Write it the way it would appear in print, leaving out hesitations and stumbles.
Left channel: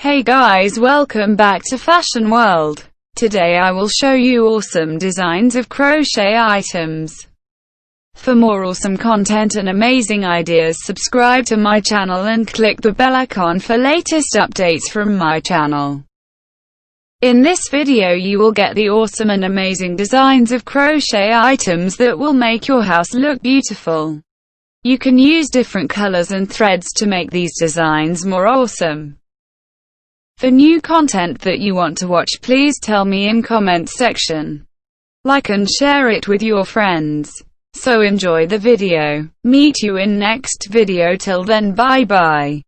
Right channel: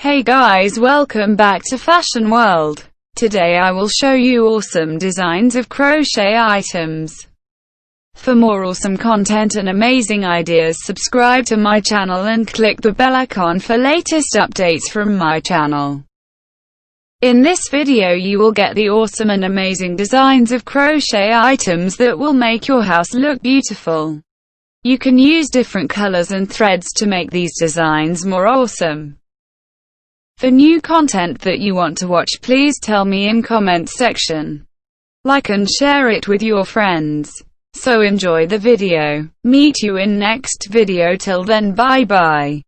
Hey guys, welcome back to Fashion World. Today I will show you awesome designs of crochet items. For more awesome content and amazing ideas, subscribe to my channel and click the bell icon for latest updates from my channel. In this video you will get the awesome and amazing designs of crochet items that will make your house look beautiful. You can use different colors and threads to make these designs more awesome. For new content that you want to watch, please tell me in comment section. Like and share it with your friends. So enjoy the video. Meet you in next video. Till then, bye bye.